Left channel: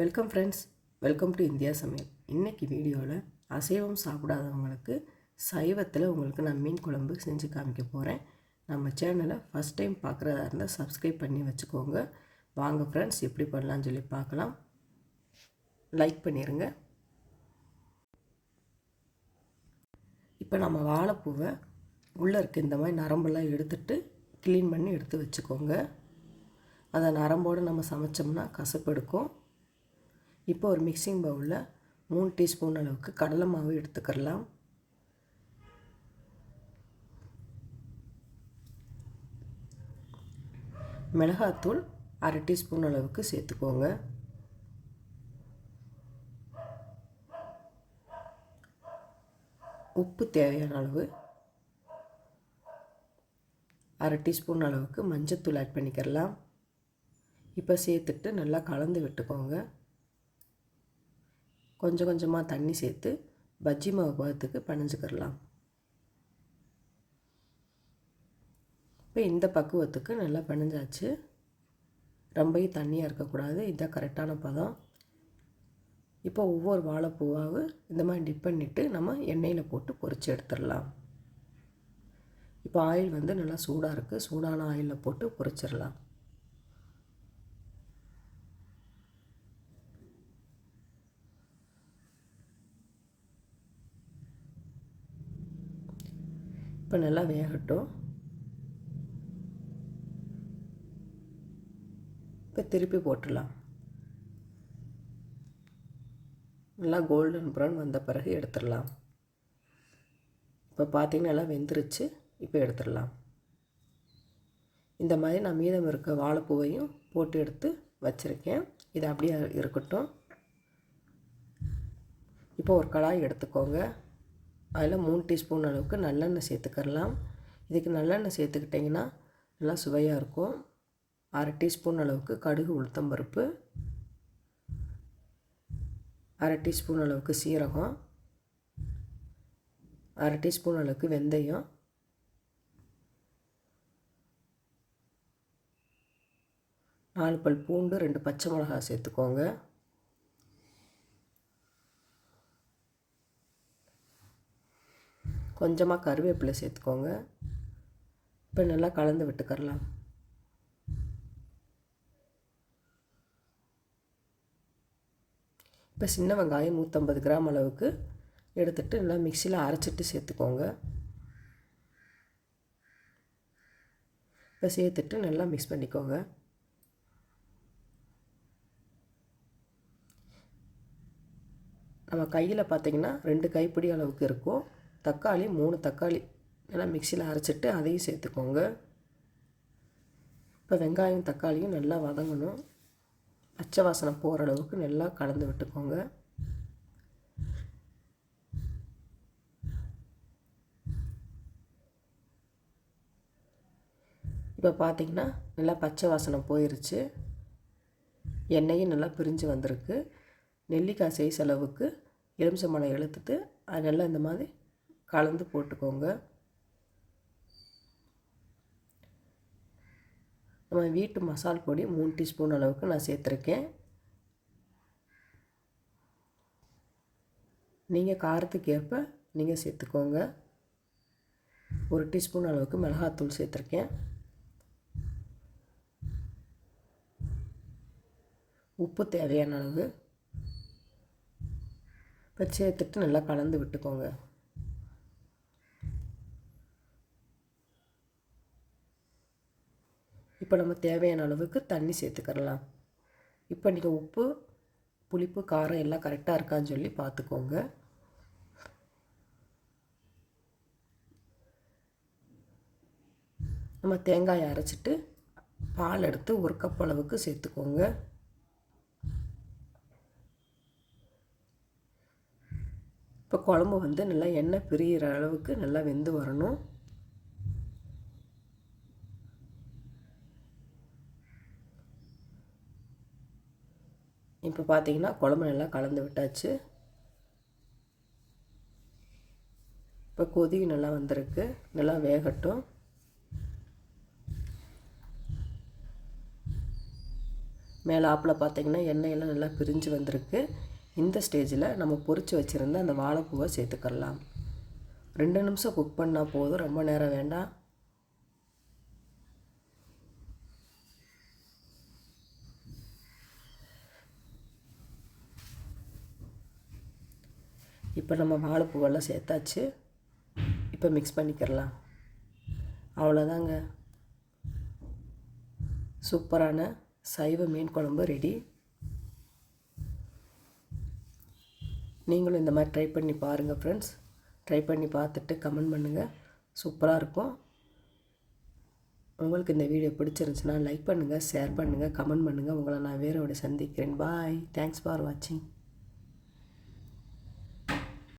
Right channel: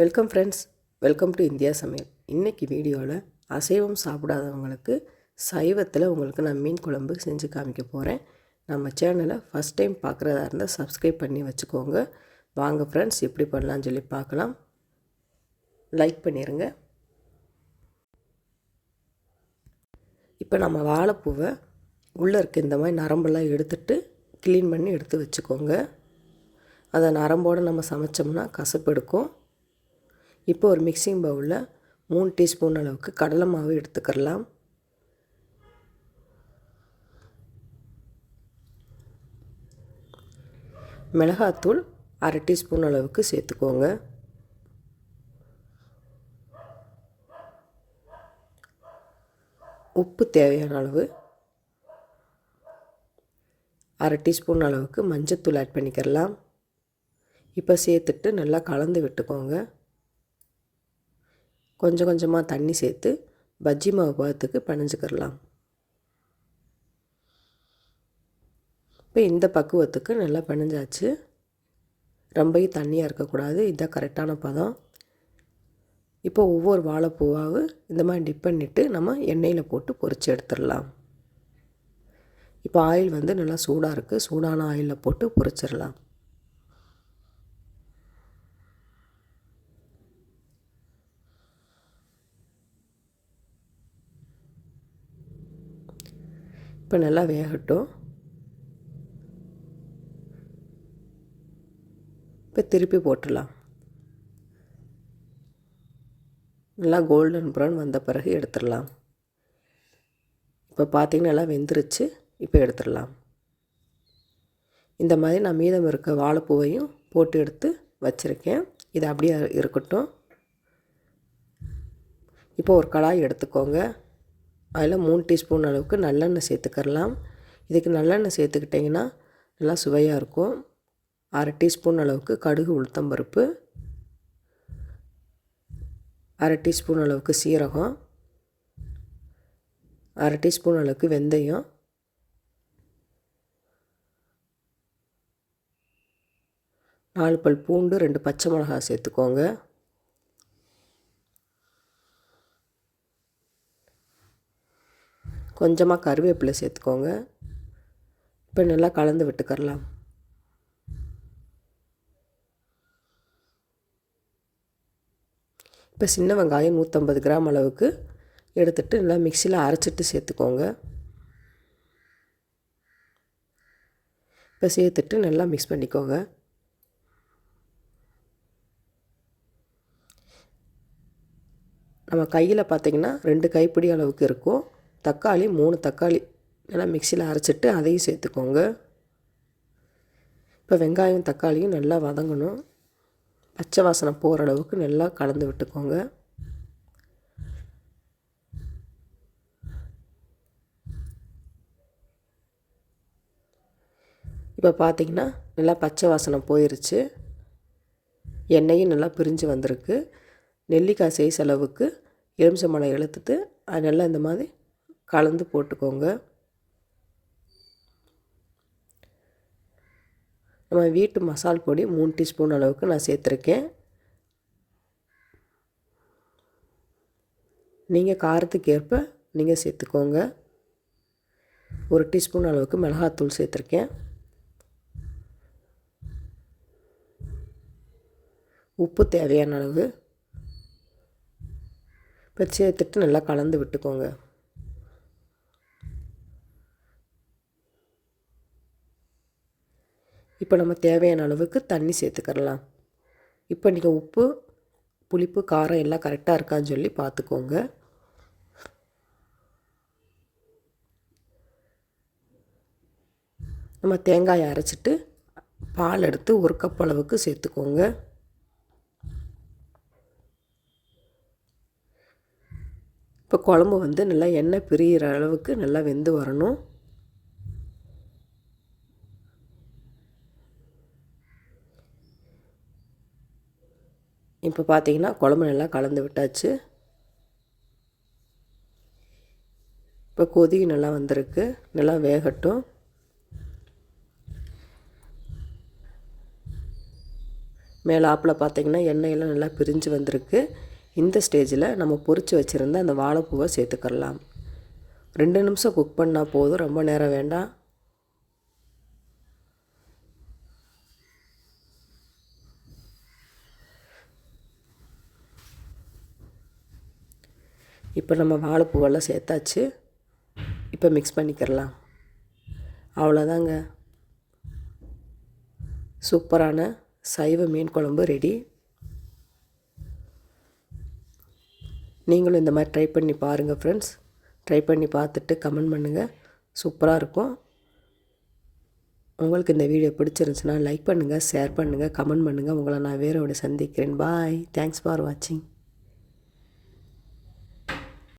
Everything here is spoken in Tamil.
Welcome friends, welcome to India சமையல். இன்றைக்கி வீடியோவில் அசைவம் சாப்பிடாதவங்களுக்கு சைவத்தில் உங்களுக்கு நான் மீன் குழம்பு செஞ்சு காமிக்க போகிறேன். நம்ம சேனலை ஃபஸ்ட் டைம் பார்க்குறதா இருந்தால் சப்ஸ்கிரைப் பண்ணி வச்சுக்கோங்க. வாங்க ஃப்ரெண்ட்ஸ், எப்படி பண்ணலான்னு சொல்லி பார்க்கலாம். லைக் பண்ணிடுங்க. இப்போ நம்ம வாழைப்பூவை உள்ளே இருக்க இந்த மாதிரி நரம்பெல்லாம் எடுத்துட்டு க்ளீன் பண்ணி எடுத்து வச்சுக்கோங்க. அதை நரம்போடு நம்ம சமைச்சோம்னா கசப்பு எடுக்கும். இப்போ ஒரு மிக்சிங் பவுலில் 3 டீஸ்பூன் அளவுக்கு கடலை மாவு எடுத்துக்கலாம். மிளகாத்தூள் 1/2 டீஸ்பூன் அளவுக்கு சேர்த்துக்கோங்க. உப்பு தேவையான அளவு. 1/2 டீஸ்பூன் அளவுக்கு மஞ்சத்தூள் ஆட் பண்ணிக்கலாம். இப்போ சேர்த்துட்டு நல்லா கலந்து விட்டுக்கோங்க. கொஞ்சம் கொஞ்சமாக தண்ணி சேர்த்து பஜ்ஜி மாவு பதத்துக்கு பிணைஞ்சிக்கிறலாம். இப்போ இந்த பக்குவத்துக்கு நல்லா பிணைஞ்சாச்சு. ரொம்பவும் தண்ணியாக இருக்கக்கூடாது, இதுதான் கரெக்டான பதம். இப்போ ஒவ்வொரு வாழைப்பூவாக இந்த மாதிரி டிப் பண்ணிவிட்டு நம்ம எண்ணெயில் போட்டு பொரித்து எடுத்துடலாம். இப்போ ஆயில் நல்லா சூடாக இருக்குது. சூடான ஆயிலில் போட்டு பொரிச்சிடலாம். இப்போ நல்லா வேகட்டும். இப்போ திருப்பி போட்டுடலாம். நல்லா கோல்டன் ப்ரௌன் வந்த பிறகு எடுத்துடலாம். இப்போ பார்த்திங்கன்னா நல்லா வெந்துருச்சு. இப்போ எடுத்துடலாம். இந்த மாதிரி நான் மீதம் இருக்க வாழைப்பூவையும் போட்டு எடுத்து வச்சுருக்கேன். இது அப்படியே இருக்கட்டும். இப்போ ஒரு கடாய் எடுத்துக்கோங்க. அதில் 3 டீஸ்பூன் அளவுக்கு நல்லெண்ணெய் சேர்த்துக்கலாம். இதுக்கு நல்லெண்ணெய் சேர்த்துக்கிட்டிங்கன்னா நல்லா சுவையாக இருக்கும். 1/2 டீஸ்பூன் அளவுக்கு கடுகு உளுத்தம்பருப்பு, 1/2 டீஸ்பூன் அளவுக்கு சீரகம், 1/2 டீஸ்பூன் அளவுக்கு வெந்தயம், 4 பல் பூண்டு, 2 பச்சை மிளகாய் சேர்த்துக்கோங்க. கொஞ்சமாக கருவேப்பிலை சேர்த்துக்கோங்க. இப்போ நல்லா கலந்து விட்டுக்கரலாம். இப்போ சின்ன வெங்காயம் 150 கிராம் அளவுக்கு எடுத்துகிட்டு நல்லா மிக்சியில் அரைச்சிட்டு சேர்த்துக்கோங்க. இப்போ சேர்த்துட்டு நல்லா மிக்ஸ் பண்ணிக்கோங்க. நம்ம கையில் பார்த்திங்கன்னா 2 கைப்பிடி அளவுக்கு இருக்கும். தக்காளி 3 தக்காளி நல்லா மிக்சியில் அரைச்சிட்டு அதையும் சேர்த்துக்கோங்க. இப்போ வெங்காயம் தக்காளியும் நல்லா வதங்கணும். பச்சை வாசனை போகிற அளவுக்கு நல்லா கலந்து விட்டுக்கோங்க. இப்போ பார்த்திங்கன்னா நல்லா பச்சை வாசனை போயிடுச்சு. எண்ணெயும் நல்லா பிரிஞ்சு வந்திருக்கு. நெல்லிக்காய் சைஸ் அளவுக்கு எலுமிச்சம்பழம் எடுத்துட்டு அது நல்லா இந்த மாதிரி கலந்து போட்டுக்கோங்க. நம்ம வீட்டு மசால் பொடி 3 டீஸ்பூன் அளவுக்கு நான் சேர்த்துருக்கேன். நீங்கள் காரத்துக்கு ஏற்ப நீங்கள் சேர்த்துக்கோங்க. 1 டீஸ்பூன் அளவுக்கு மிளகாத்தூள் சேர்த்துருக்கேன். உப்பு தேவையான அளவு. இப்போ சேர்த்துட்டு நல்லா கலந்து விட்டுக்கோங்க. இப்போ நம்ம தேவையான அளவுக்கு தண்ணி சேர்த்துக்கலாம். இப்போ நீங்கள் உப்பு, புளிப்பு, காரம் எல்லாம் கரெக்டாக இருக்கான்னு சொல்லி பார்த்துக்கோங்க. நம்ம தேங்காயை அரைச்சிட்டு பால் எடுத்து 1 கப் அளவுக்கு சேர்த்துக்கோங்க. இப்போ குழம்பு நல்லா எண்ணெய் பிரிகிற அளவுக்கு நல்லா வெந்து வரணும். இப்போ பார்த்திங்கன்னா குழம்பு நல்லா கலந்து விட்டாச்சு. இப்போ கொதி நல்லா வந்திருக்கு. நல்லா வேகட்டும். மேலாப்பில் பார்த்திங்கன்னா எண்ணெயெல்லாம் நல்லா பிரிஞ்சு வந்திருக்கு. இந்த ஸ்டேஜில் நம்ம பொரித்து வச்சுருந்த அந்த வாழைப்பூவை சேர்த்துக்கலாம். 2 நிமிஷம் குக் பண்ணால் போதும், ரொம்ப நேரம் வேண்டாம். இப்போ நம்ம வாழைப்பூவெல்லாம் சேர்த்தாச்சு. இப்போ மிக்ஸ் பண்ணிக்கிறலாம். அவ்வளோதாங்க, சூப்பரான சைவ மீன் குழம்பு ரெடி. நீங்களும் இந்த மாதிரி ட்ரை பண்ணி பாருங்கள் ஃப்ரெண்ட்ஸ். ட்ரை பண்ணி பார்த்துட்டு கமெண்ட் பண்ணுங்கள். சூப்பராக இருக்கும். உங்களுக்கு இந்த வீடியோ பிடிச்சிருந்துச்சுன்னா லைக் பண்ணுங்கள், ஷேர் பண்ணுங்கள், கமெண்ட் பண்ணுங்கள். உங்களை நான் வேறோட சந்திக்கிறேன். பாய். தேங்க்ஸ் ஃபார் வாட்சிங்.